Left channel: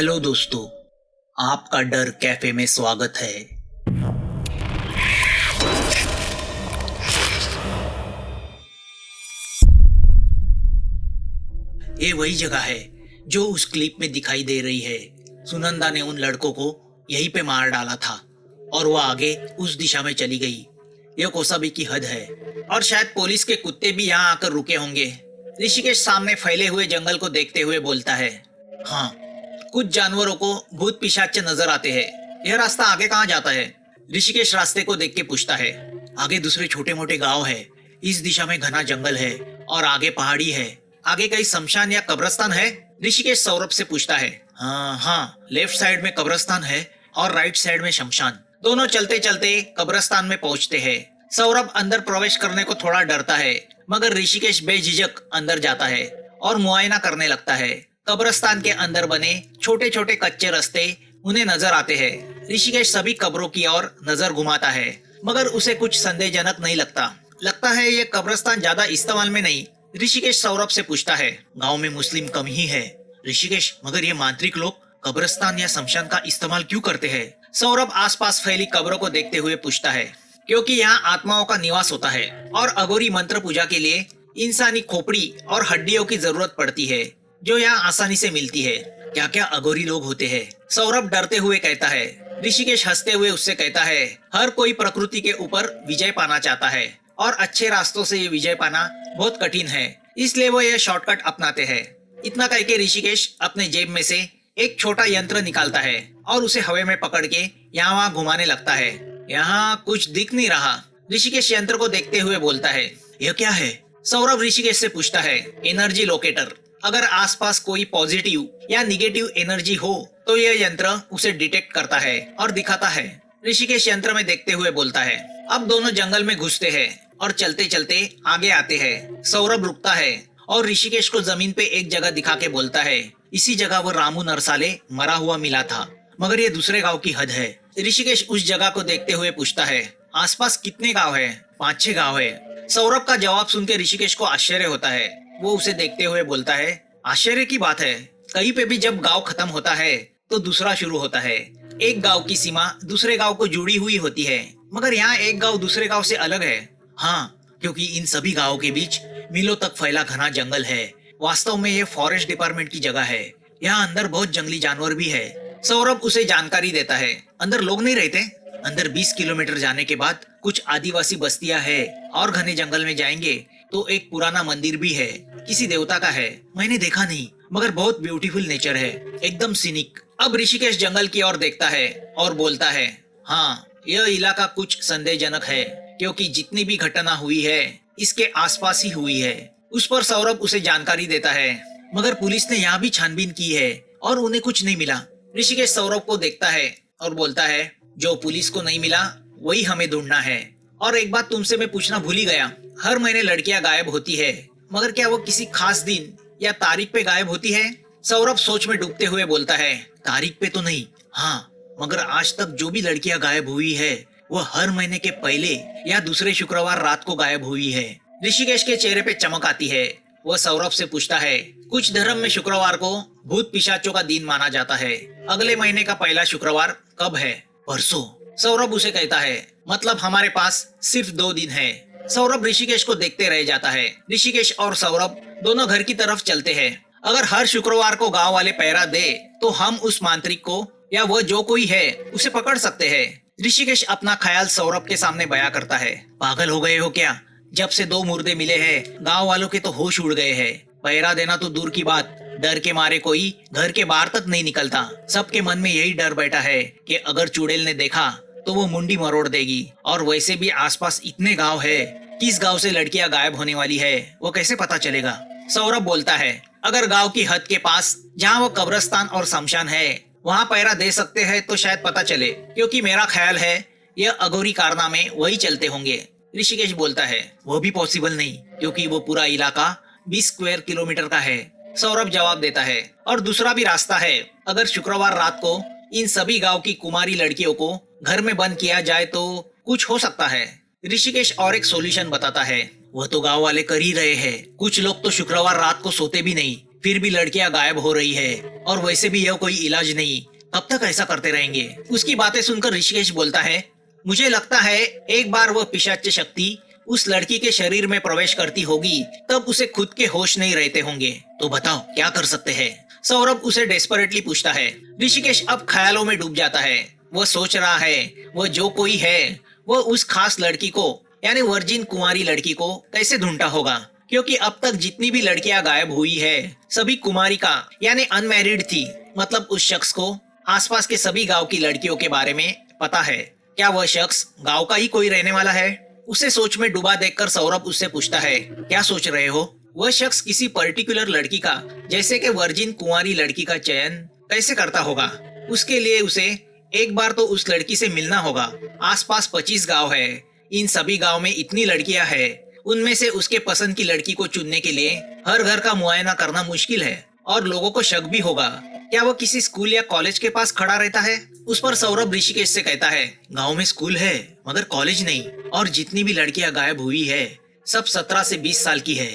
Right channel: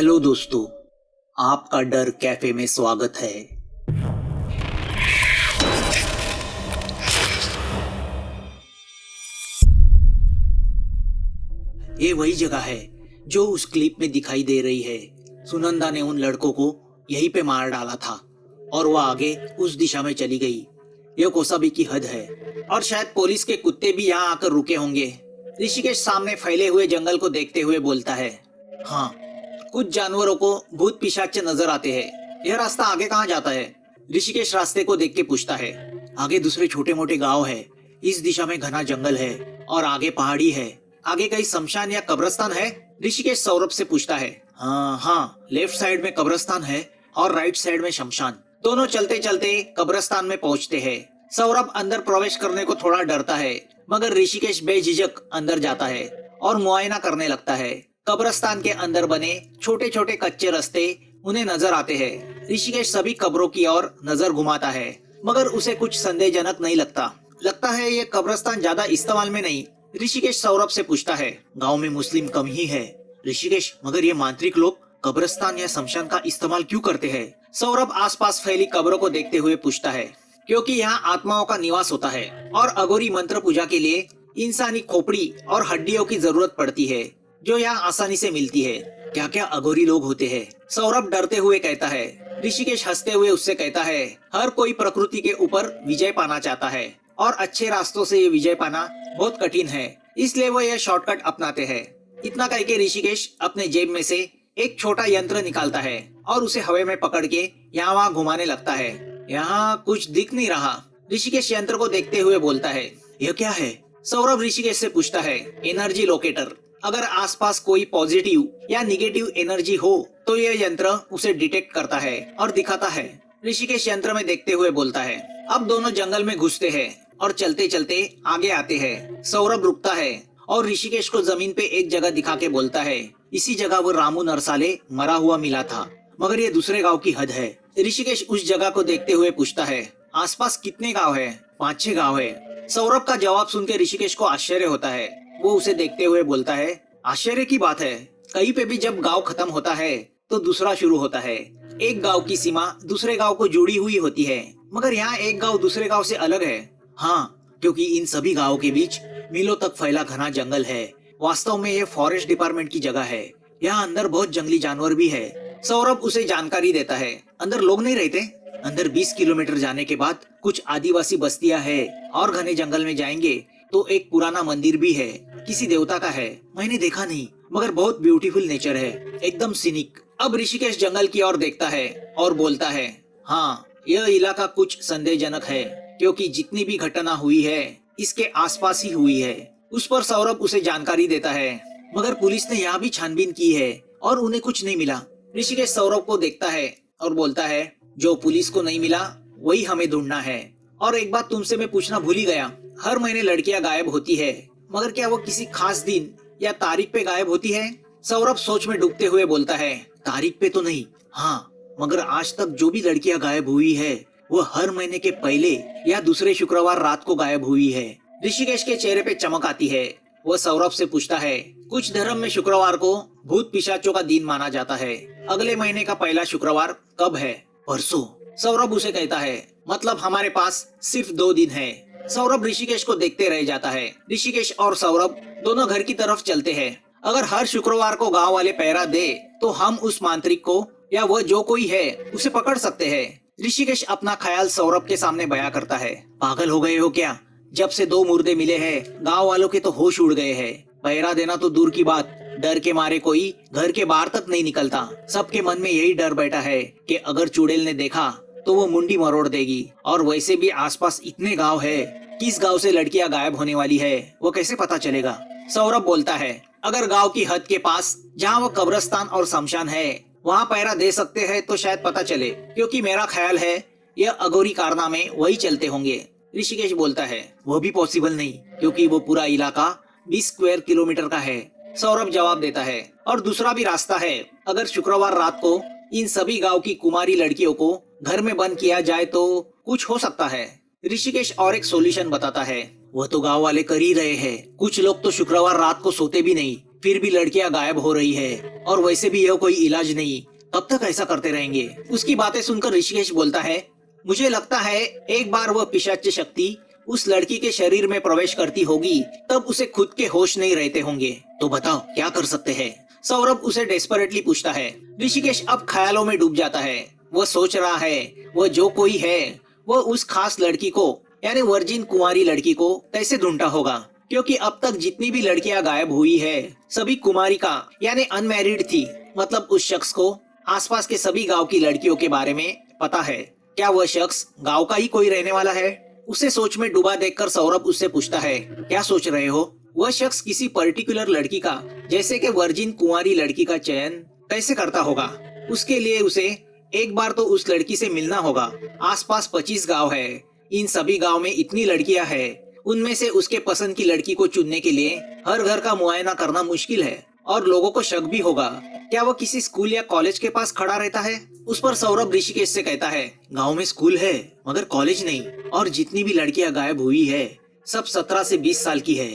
Hello दोस्तों, आपका डर कैफे में स्वागत है। ये वही जगह है जो उस क्लिप में दिखाई दे रही है। सुनंदा ने उन लड़कों को यहीं पे मार डाला था और वह आगे उस दिशा में चली गई। यह कोसाबी की हद है और शायद पुलिस के कुत्ते भी यहाँ आकर रुके होंगे। ऋषिकेश सामने फैले हुए जंगल को देखते हुए बोलता है, हाँ, कुछ जानवरों को भूत पिशाच नजर आते हैं। यह रास्ता आगे कहाँ जाता है? ऋषिकेश रास्ते को देख के पूछता है। आगे दूसरे छोटे मोटे गांव है। इस दिशा में घना जंगल है और आगे पहाड़ी है। आगे कहीं शमशान या कब्रिस्तान है? ऋषिकेश सौरभ से पूछता है। हाँ हाँ, लेफ्ट साइड में कब्रिस्तान है और राइट साइड में शमशान। दोनों चलते चलते कब्रिस्तान में पहुंचते हैं। सौरभ अंदर प्रवेश करने को थोड़ा डरता है, मगर ऋषिकेश बेझिझक अंदर जाता है और मुआयना करने लगता है। कब्रिस्तान के अंदर बने छोटे छोटे कच्चे रास्ते उन्हें नजर आते हैं। ऋषिकेश सभी कब्रों की ओर नजर घुमाता है, मगर उसे कुछ संदेहजनक नहीं लगता है ये कब्रिस्तान ज्यादा इस्तेमाल में नहीं। ऋषिकेश सौरभ से पूछता है, गांव में मुस्लिम कम ही है। ऋषिकेश, मगर ये मांत्रिक लोग कब्रिस्तान या शमशान का इस्तेमाल क्यों करते हैं? सौरभ आसपास फैली कब्रों को देखते हुए पूछता है। क्योंकि यहाँ आत्माओं का निवास होता है और अघोरी मंत्र पूजा के लिए इंसानी खोपड़ी और हड्डियों की जरूरत पड़ती है, जो यहाँ आसानी से मिलती है। क्या क्या अघोरी लोग होते हैं? सौरभ डरते हुए कहता है। ऋषिकेश हंसते हुए उससे कहता है, हर कोई प्रकृति के ऊपर विजय पाना चाहता है और अच्छे रास्तों से ये विजय पाना बहुत कठिन है, इसलिए वो ये शॉर्टकट अपनाते हैं। इतना कह के ऋषिकेश अपने जेब में से एक छोटा यंत्र निकालता है और उसे हवा में पकड़ के यहाँ वहाँ घुमाने लगता है। यहाँ कुछ दिख नहीं रहा। ऋषिकेश यंत्र को देखते हुए बोलता है, यह क्या है? सौरभ ऋषिकेश से पूछता है, एनर्जी लोकेटर। अगर आसपास कोई पॉजिटिव या निगेटिव एनर्जी हो तो यह यंत्र उसे डिटेक्ट करता है और दिखाता है। ऋषिकेश यंत्र में देखते हुए बोलता है। अब दोनों जंगल में घुसते हैं और चलते चलते आगे आते हैं। सौरभ रुकता है और ऋषिकेश को जमीन पे एक जगह दिखा के बोलता है, इसी जगह वो रामू नरसाले मरा हुआ मिला था, मगर ये दूसरे गांव की हद है। ऋषिकेश उस जगह को देखते हुए पूछता है, आसपास कितने गांव है? 5-6 गांव है। सौरभ का जवाब सुन के ऋषिकेश को आश्चर्य होता है। वो उसे देखते हुए बोलता है, आश्चर्य की बात है, कहीं पे भी जब गांव खत्म होता है तो दूसरा शुरू होता है। एक गांव की सीमा दूसरे गांव को जुड़ी हुई होती है, मगर यहाँ एक गांव दूसरे गांव से अलग है। हाँ, क्योंकि इन सभी गांवों के बीच मीलों तक फैला घना जंगल है। वास्तव में ये फॉरेस्ट डिपार्टमेंट की जगह है। यहाँ अंदर बहुत जंगली जानवर भी है। सौरभ उसे जानकारी देता है। अंदर लोग नहीं रहते। अंदर 20 किलोमीटर जाने के बाद कुछ आदिवासी बस्तियां है और घने जंगल में जाएंगे तो एक पुराना मंदिर भी है, किसी देवता का है। मैंने देखा नहीं, मगर बहुत ब्यूटीफुल नेचर है, एकदम सीनिक। अब ऋषिकेश जंगल की ओर देखता है और बोलता है, हाँ, यह इलाका कुछ संदेहजनक है, क्योंकि जितनी भी घटना हुई है इसके आसपास ही हुई है। उस पर सौरभ उसे जानकारी देता है, मगर पुलिस ने यहाँ भी छानबीन की है और उन्हें कुछ नहीं मिला। ऋषिकेश सौरभ को देखता है और बोलता है, जो पुलिस को नहीं मिला वही हमें ढूंढना है। और एक बात तुमसे मैं पूछना भूल ही गया, हर महीने लड़कियां गायब होती है, मगर क्या वो किसी खास दिन या तारीख पे गायब होती है? सौरभ सोच में डूबते हुए बोलता है, तारीख पे तो नहीं, हाँ, मगर आज तक जो भी लड़कियां गायब हुई है वो हर महीने के पहले या दूसरे शुक्रवार रात को गायब हुई है। ऋषिकेश के चेहरे पे चमक आती है। वह सौरभ से पूछता है, कुछ धर्म में शुक्रवार को भूत पिशाचों का दिन माना जाता है। अगले महीने का पहला शुक्रवार कब है? परसों। सौरभ उसे कहता है, मतलब हमारे पास सिर्फ 2 दिन है। सौरभ ऋषिकेश को देखते रह जाता है। ऋषिकेश और सौरभ दोनों घर की तरफ चलते हैं। अगर हर शुक्रवार को गांव वाले पहरा दे तो हम उस मांत्रिक को या वह जो कोई है उसे पकड़ सकते हैं। ऋषिकेश अपना ख्याल सौरभ के सामने बयां करता है। पागल हो गए हो क्या? जब से 2 मुर्दे मिले हैं गांव वालों के तो होश उड़ गए हैं। पहरा देना तो दूर की बात, डर के मारे कोई घर के बाहर तक नहीं निकलता। सबके मन में यही डर बैठा है कि अगर चुड़ैल ने देखा तो वो मुंडी मरोड़ देगी। और वैसे भी आसपास इतने गांव है, किस गांव से लड़कियां गायब होने वाली है वो कैसे पता चलेगा? सौरभ बोलता है, अगर गांव की हद के पास जहां वो कब्रिस्तान और शमशान है वहां पहरा दे सकते हैं तो शायद पता चले, क्योंकि मेरा ख्याल है यह अघोरी कारनामे वही चलते होंगे। ऋषिकेश बोलता है, वो भी पॉसिबल नहीं, क्योंकि वो पूरा इलाका 20 स्क्वायर किलोमीटर का है। सौरभ जवाब देता है, और दूसरा भी रास्ता है। अगर शुक्रवार रात को इन सभी गांव की कुमारी लड़कियों को घर में बंद किया जाए तो कुछ हो सकता है। ऋषिकेश और एक सॉल्यूशन बताता है। वह तो गांव वाले कर ही रहे हैं। कुछ लोग तो शुक्रवार रात को सोते भी नहीं, फिर भी लड़कियां गायब हो रही है और वैसे भी यह कोई इलाज नहीं। कब तक ऐसा करते रहेंगे? उसकी बातें सुनकर ऋषिकेश बोलता है, मुझे लगता है एक बार वह पिशाच्य शक्ति उस लड़की के शरीर में प्रवेश करती होगी, तब उसे खुद के होश नहीं रहते होंगे। तो बताओ क्या कर सकते हैं? सौरभ उसे डेस्परेटली पूछता है। ऋषिकेश अब ख्यालों में डूब जाता है। वह सोच रहा है वह जो कोई है वह उस खास लड़की को यानी वर्जिन कुमारी लड़की को कैसे ढूंढता होगा, क्योंकि अब तक जितनी भी लड़कियां गायब हुई है सभी कुमारी का यानी अनमैरिड थी। मतलब उस शख्स को आसपास के सभी गांव की लड़कियों के बारे में पता है। क्या वह शख्स गांव का ही कोई रहने वाला है? उसे सोच में डूबा देखकर सौरभ उससे पूछता है, क्या सोच रहे हो? वह शख्स किसी पर्टिकुलर लड़की का जैसे कि वर्जिन कुंवारी लड़की का चयन कैसे करता होगा? उसके लिए उसे एक बार तो उस लड़की से मिलना होगा। आसपास 25 गांव है। इन सभी गांव में इतनी लड़कियां हैं। उनमें से उसके पसंद की लड़की को चुनने के लिए हर घर का मुआयना करना मुश्किल है और लोगों को शक भी होगा। क्या वो किसी स्कूल या कॉलेज के पास खड़ा रहता है? उस पर सौरभ ऋषिकेश से कहता है, गांव में स्कूल है मगर कॉलेज नहीं, और जितनी भी लड़कियां गायब हुई है सब 17 से 20 साल की है,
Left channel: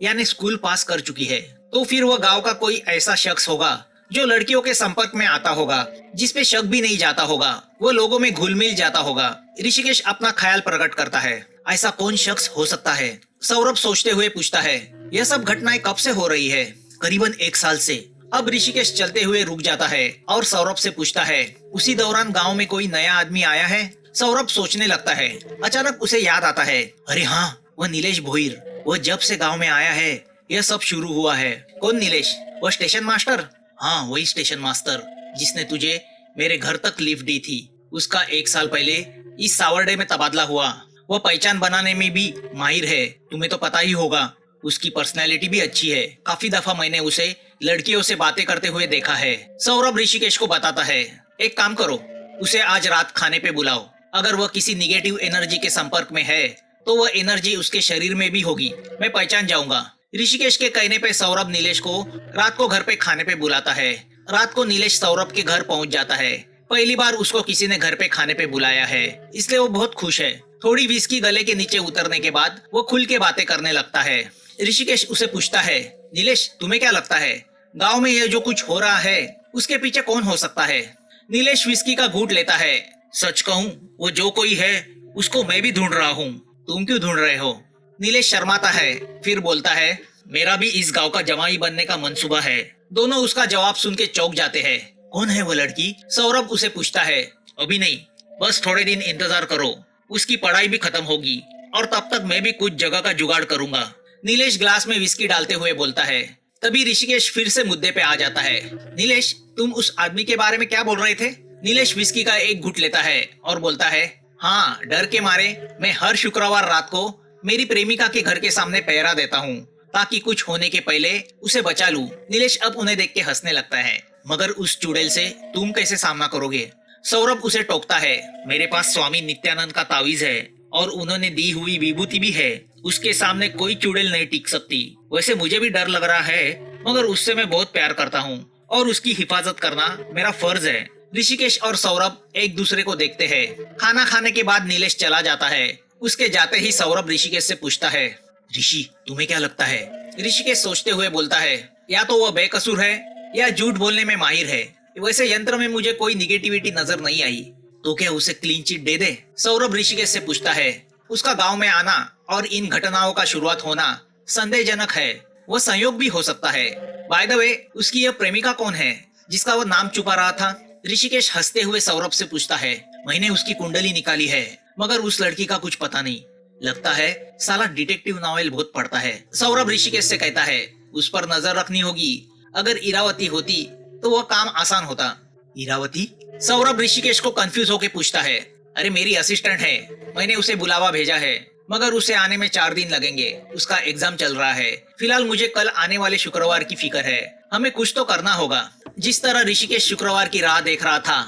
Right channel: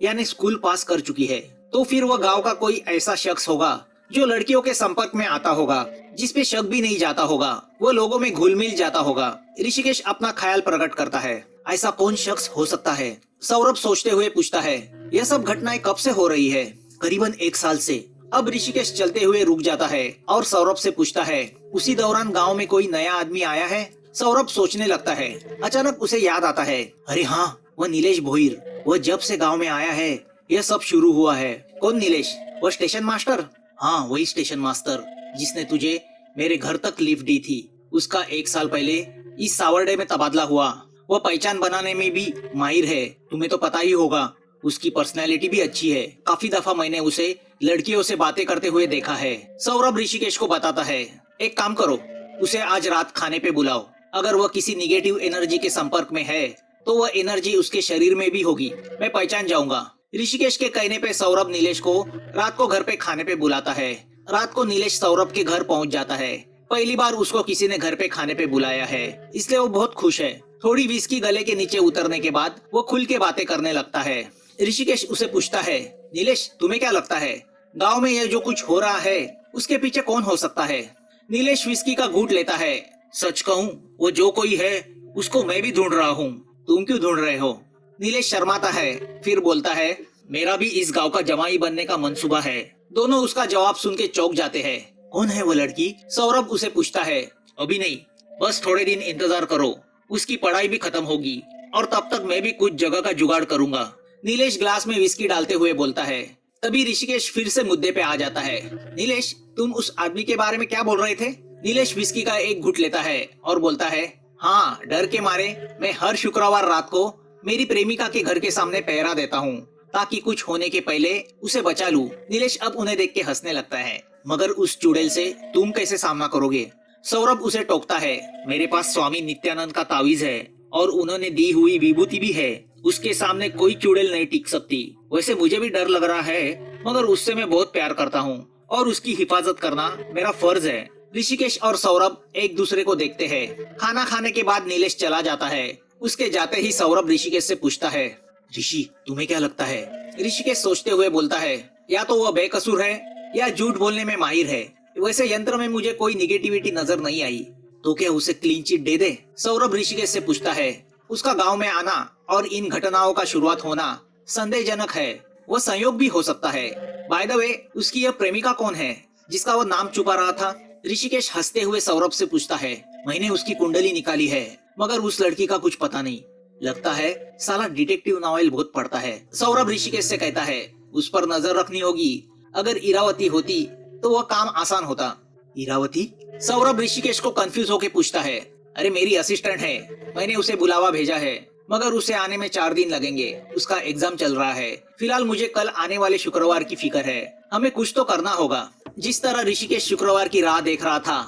यानी स्कूल पास कर चुकी है। तो फिर वह गांव का कोई ऐसा शख्स होगा जो लड़कियों के संपर्क में आता होगा, जिसपे शक भी नहीं जाता होगा, वो लोगों में घुल मिल जाता होगा। ऋषिकेश अपना ख्याल प्रकट करता है, ऐसा कौन शख्स हो सकता है? सौरभ सोचते हुए पूछता है, यह सब घटनाएं कब से हो रही है? करीबन 1 साल से। अब ऋषिकेश चलते हुए रुक जाता है और सौरभ से पूछता है, उसी दौरान गांव में कोई नया आदमी आया है? सौरभ सोचने लगता है। अचानक उसे याद आता है, अरे हाँ, वह नीलेश भोईर। वह जब से गांव में आया है यह सब शुरू हुआ है। कौन नीलेश? वह स्टेशन मास्टर? हाँ, वही स्टेशन मास्टर जिसने तुझे मेरे घर तक लिफ्ट दी थी। उसका 1 साल पहले इस सावरडे में तबादला हुआ। वह पहचान बनाने में भी माहिर है, तुम्हें तो पता ही होगा। उसकी पर्सनैलिटी भी अच्छी है। काफी दफा मैंने उसे लड़कियों से बातें करते हुए देखा है। सौरभ ऋषिकेश को बताता है, एक काम करो, उसे आज रात खाने पे बुलाओ। अगर वह किसी निगेटिव एनर्जी के संपर्क में है तो वह एनर्जी उसके शरीर में भी होगी, मैं पहचान जाऊंगा। ऋषिकेश के कहने पे सौरभ नीलेश को रात को घर पे खाने पे बुलाता है। रात को नीलेश सौरभ के घर पहुंच जाता है। पहली बार उसको किसी ने घर पे खाने पे बुलाया है, इसलिए वो बहुत खुश है। थोड़ी विस्की गले के नीचे उतरने के बाद वो खुल के बातें करने लगता है। ऋषिकेश उसे पूछता है, नीलेश तुम्हें क्या लगता है गांव में यह जो कुछ हो रहा है उसके पीछे कौन हो सकता है? नीलेश विस्की का घूंट लेता है। सच कहूँ, वो जो कोई है उसको मैं भी ढूंढ रहा हूँ। तुम क्यों ढूंढ रहे हो? नीलेश शर्माता है, फिर बोलता है, मेरा भी इस गांव का जवाई बनने का मंसूबा है। दोनों उसका जवाब सुन के चौंक जाते हैं। कौन है वो लड़की? सौरभ उसे पूछता है। अभी नहीं, बस थोड़े दिन इंतजार करो, उसकी पढ़ाई भी खत्म होगी और तब तक मैं भी कुछ जगह का जुगाड़ करूंगा। नीलेश ग्लास में विस्की डालते हुए बोलता है। तभी ऋषिकेश फिर से मुद्दे पे आ जाता है। नीलेश, तुम उस आदमी के बारे में क्या बोल रहे थे? नीलेश विस्की का एक घुट लेता है और बोलता है, हाँ, डर के मारे मैं हर शुक्रवार रात को मेरी प्रेमिका के घर के सामने पहरा देता हूँ ताकि कुछ होने के पहले उसे बचा लूं। नीलेश अब उन्हें देख के हंसने लगता है। मगर उस चुड़ैल से तुम कैसे सामना करोगे? सौरभ उसे टोकता है। मेरे पास स्वामी नित्यानंद का तावीज है और उन्होंने दी हुई विभूति भी है। उसके सामने कोई चुड़ैल नहीं टिक सकती। वैसे मुझे भी डर लग रहा है, मगर उससे मैं बहुत प्यार करता हूँ और उसकी हिफाजत करना मेरा फर्ज है। ऋषिकेश और सौरभ एक दूसरे को देखते हैं। खाना खाने के बाद नीलेश चला जाता है। उसके जाते ही सौरभ ऋषिकेश से पूछता है, ऋषि तुम्हें क्या लगता है? ऋषिकेश सोचते हुए बोलता है, या तो वह बेकसूर है या झूठ बोलने में माहिर है। वैसे यंत्र में मुझे कोई निगेटिविटी नजर नहीं आई। तो क्या उसे क्लीन चिट दे दे? सौरभ ऋषिकेश से पूछता है। उसका गांव में आना और इन घटनाओं का शुरुआत होना संदेहजनक है। वो संयोग भी हो सकता है। बाय द वे, उसकी यह प्रेमिका कौन है जिसका वो नाम छुपा रहा था? ऋषिकेश हंसते हुए सौरभ से पूछता है। मैंने उसकी कुंडली निकाली है मगर उस लड़की का कुछ पता नहीं। लगता है साला डिटेक्टिव नॉवेल बहुत पढ़ता है। सौरभ ऋषिकेश से कहता है, उस पर नजर रखनी होगी। अगर इरावती होती तो वह काम आसान होता। इरावती? सौरभ ऋषिकेश को कंफ्यूज होके पूछता है। अरे मेरी असिस्टेंट है, मैंने उसे बुलावा भेजा है मगर उसे आने में 4 दिन लगेंगे। उसका एग्जाम चल रहा है। फिलहाल मुझे कल आने वाले शुक्रवार की फिक्र है। हमें कुछ तो करना होगा। जिस तरह ऋषिकेश शुक्रवार की राह देख रहा था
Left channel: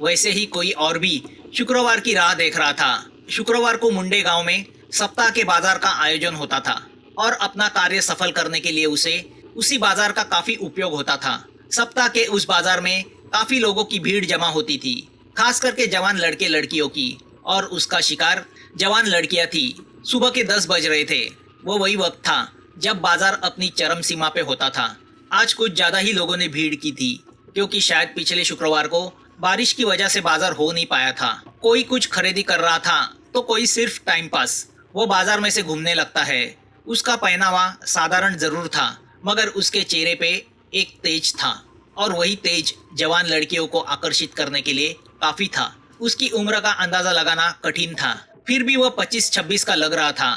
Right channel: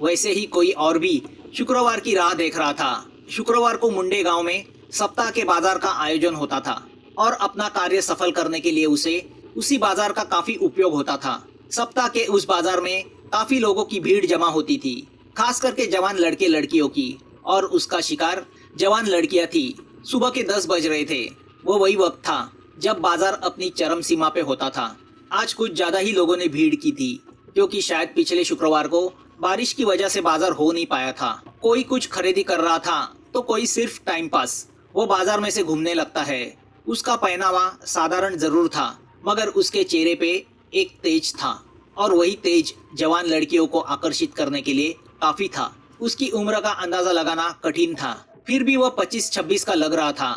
वैसे ही कोई और भी शुक्रवार की राह देख रहा था। शुक्रवार को मुंडे गांव में सप्ताह के बाजार का आयोजन होता था और अपना कार्य सफल करने के लिए उसे उसी बाजार का काफी उपयोग होता था। सप्ताह के उस बाजार में काफी लोगों की भीड़ जमा होती थी, खास करके जवान लड़के लड़कियों की, और उसका शिकार जवान लड़कियां थी। सुबह के 10 बज रहे थे। वो वही वक्त था जब बाजार अपनी चरम सीमा पे होता था। आज कुछ ज्यादा ही लोगों ने भीड़ की थी, क्योंकि शायद पिछले शुक्रवार को बारिश की वजह से बाजार हो नहीं पाया था। कोई कुछ खरीदी कर रहा था तो कोई सिर्फ टाइम पास। वो बाजार में से घूमने लगता है। उसका पहनावा साधारण जरूर था, मगर उसके चेहरे पे एक तेज था, और वही तेज जवान लड़कियों को आकर्षित करने के लिए काफी था। उसकी उम्र का अंदाजा लगाना कठिन था, फिर भी वह 25-26 का लग रहा था।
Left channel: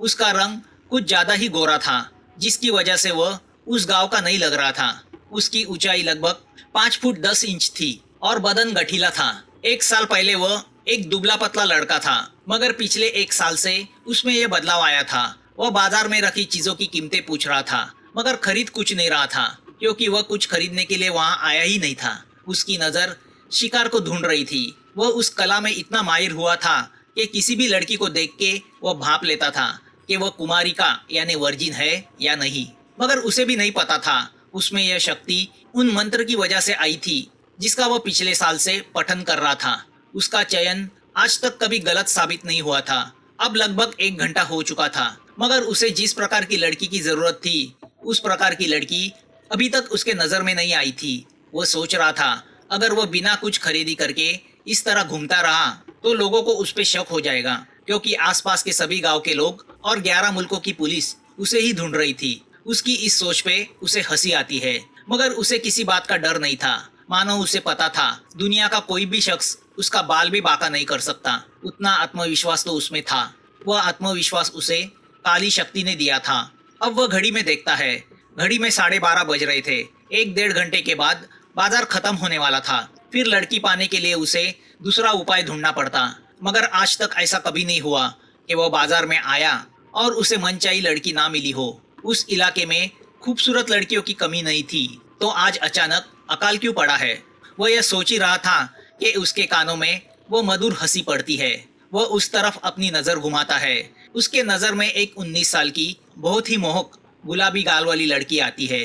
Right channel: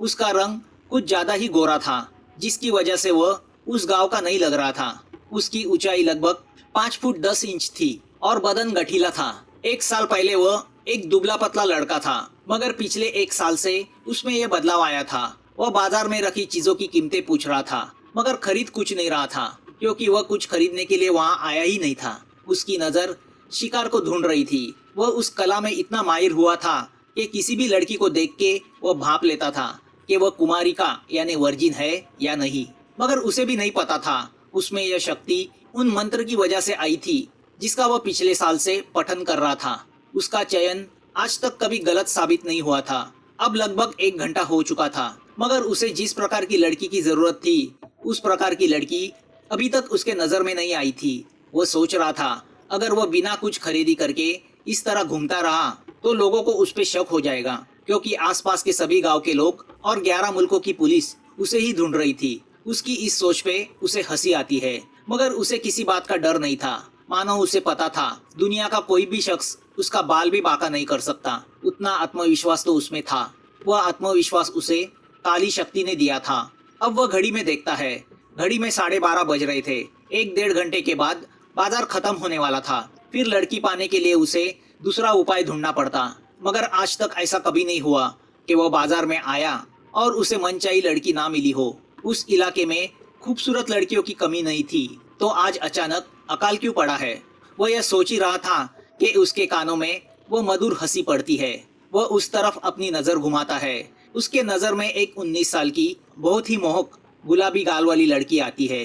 उसका रंग कुछ ज्यादा ही गोरा था, जिसकी वजह से वह उस गांव का नहीं लग रहा था। उसकी ऊंचाई लगभग 5 फुट 10 इंच थी और बदन गठीला था। एक साल पहले वह एक दुबला पतला लड़का था, मगर पिछले एक साल से उसमें यह बदलाव आया था। वह बाजार में रखी चीजों की कीमतें पूछ रहा था, मगर खरीद कुछ नहीं रहा था, क्योंकि वह कुछ खरीदने के लिए वहां आया ही नहीं था। उसकी नजर शिकार को ढूंढ रही थी। वह उस कला में इतना माहिर हुआ था कि किसी भी लड़की को देख के वह भाप लेता था कि वह कुमारिका यानी वर्जिन है या नहीं। मगर उसे भी नहीं पता था उसमें यह शक्ति उन मंत्र की वजह से आई थी, जिसका वह पिछले साल से पठन कर रहा था। उसका चयन आज तक कभी गलत साबित नहीं हुआ था। अब लगभग 1 घंटा हो चुका था, मगर उसे जिस प्रकार की लड़की की जरूरत थी, उस प्रकार की लड़की अभी तक उसके नजर में नहीं आई थी। वो सोच रहा था, अगर वो बिना कुछ खरीदी करके इस तरह घूमता रहा तो लोगों को उस पे शक हो जाएगा, क्योंकि आसपास के सभी गांव के लोग और 11 मुल्कों की पुलिस उसे ही ढूंढ रही थी। उसकी इस सोच पे उसे हंसी आती है, मगर उसे किसी बात का डर नहीं था। मानो उसे पता था दुनिया का कोई भी शख्स उसका बाल भी बांका नहीं कर सकता। उतना आत्मविश्वास तो उसमें था। वह आत्मविश्वास उसे काली शक्ति ने दिया था। अब वह घड़ी में देखता है, घड़ी में 12:30 बज रहे थे। 1-1.5 घंटे के बाद बाजार खत्म होने वाला था। फिर लड़की पाने के लिए उसे दूसरा उपाय ढूंढना पड़ता, मगर आज तक ऐसा कभी नहीं हुआ कि वह बाजार में आया और उसे मनचाही लड़की ना मिली हो। उस इलाके में खूबसूरत लड़कियों की कमी नहीं थी, तो आज अचानक अकाल क्यों पड़ा है? वह यह सोच ही रहा था कि उसके कानों में वो मधुर हंसी पड़ती है। वह उस तरफ अपनी नजर घुमाता है। उसके नजर में एक 19 साल की बहुत ही मोहक गुलाबी गाल वाली लड़की आती है।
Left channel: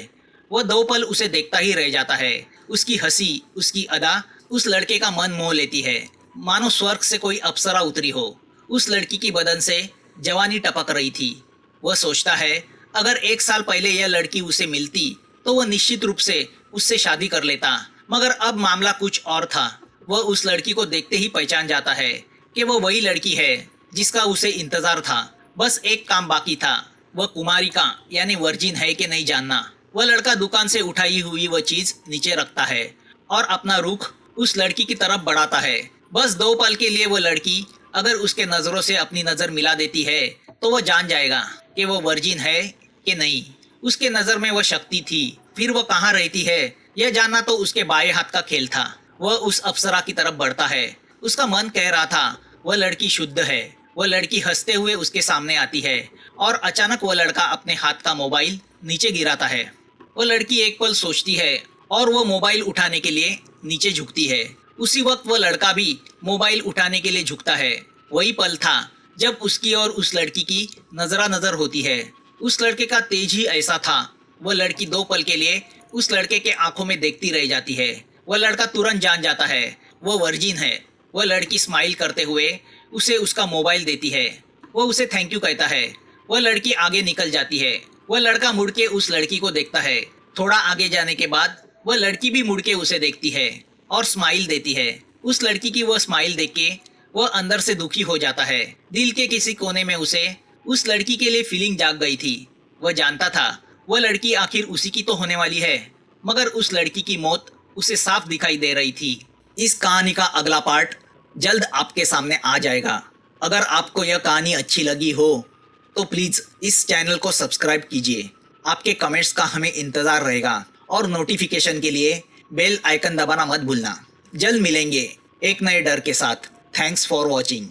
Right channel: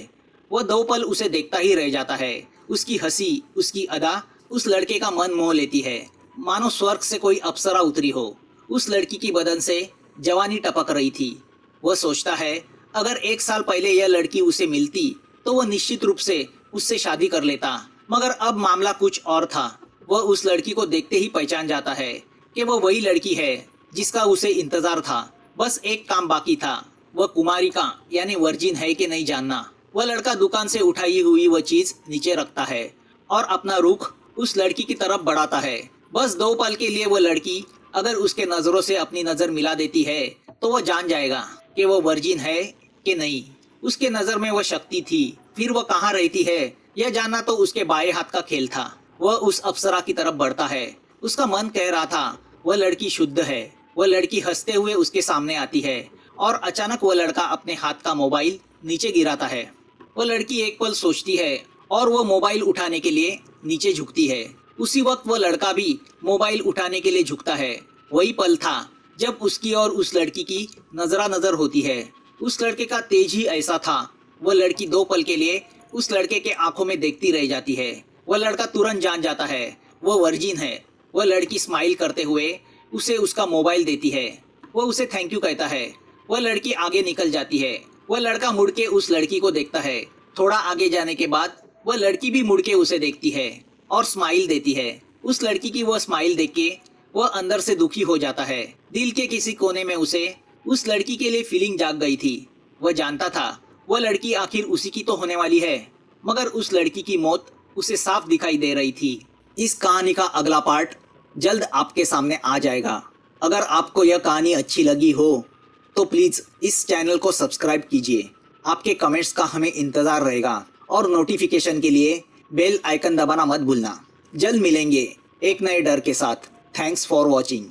वह 2 पल उसे देखता ही रह जाता है। उसकी हंसी, उसकी अदा उस लड़के का मन मोह लेती है, मानो स्वर्ग से कोई अप्सरा उतरी हो। उस लड़की की बदन से जवानी टपक रही थी। वह सोचता है, अगर 1 साल पहले यह लड़की उसे मिलती तो वह निश्चित रूप से उससे शादी कर लेता। मगर अब मामला कुछ और था। वह उस लड़की को देखते ही पहचान जाता है कि वह वही लड़की है जिसका उसे इंतजार था। बस एक काम बाकी था, वह कुमारिका यानी वर्जिन है कि नहीं जानना। वह लड़का दुकान से उठाई हुई वह चीज नीचे रखता है और अपना रुख उस लड़की की तरफ बढ़ाता है। बस 2 पल के लिए वह लड़की अगर उसके नजरों से अपनी नजर मिला देती है तो वह जान जाएगा कि वह वर्जिन है कि नहीं। उसके नजर में वह शक्ति थी। फिर वह कहाँ रहती है यह जानना तो उसके बाएं हाथ का खेल था। वह उस अप्सरा की तरफ बढ़ता है। उसका मन कह रहा था वह लड़की शुद्ध है। वह लड़की हंसते हुए उसके सामने आती है और अचानक वह लड़का अपने हाथ का मोबाइल नीचे गिराता है। वह लड़की एक पल सोचती है और वह मोबाइल उठाने के लिए नीचे झुकती है। उसी वक्त वह लड़का भी मोबाइल उठाने के लिए झुकता है। वही पल था जब उसकी और उस लड़की की नजरा नजर होती है। उस लड़के का तेज ही ऐसा था। वह लड़की 2 पल के लिए उस लड़के के आंखों में देखती रह जाती है। वह लड़का तुरंत जान जाता है वह वर्जिन है। वह लड़की स्माइल करते हुए उसे उसका मोबाइल देती है। वह उसे थैंक यू कहता है। वह लड़की आगे निकल जाती है। वह लड़का मुड़ के उस लड़की को देखता है। थोड़ा आगे जाने के बाद वह लड़की भी मुड़ के उसे देखती है और स्माइल देती है। उस लड़की की वह स्माइल देख के वह अंदर से दुखी हो जाता है। दिल के किसी कोने में उसे उस लड़की के लिए फीलिंग जाग गई थी। वह जानता था वह लड़की आखिर उसी की तो होने वाली है, मगर उस लड़की की मौत उसे साफ दिखाई दे रही थी। इस कहानी का अगला पार्ट जल्द आपके सामने आ जाएगा। अगर आपको यह कहानी अच्छी लगी हो तो प्लीज़ इस चैनल को सब्सक्राइब कीजिए। आपके कमेंट्स का हमें इंतज़ार रहेगा और नोटिफिकेशन के लिए बेल आइकन दबाना मत भूलना। जल्द मिलेंगे एक नए डर के साथ। Thanks for watching.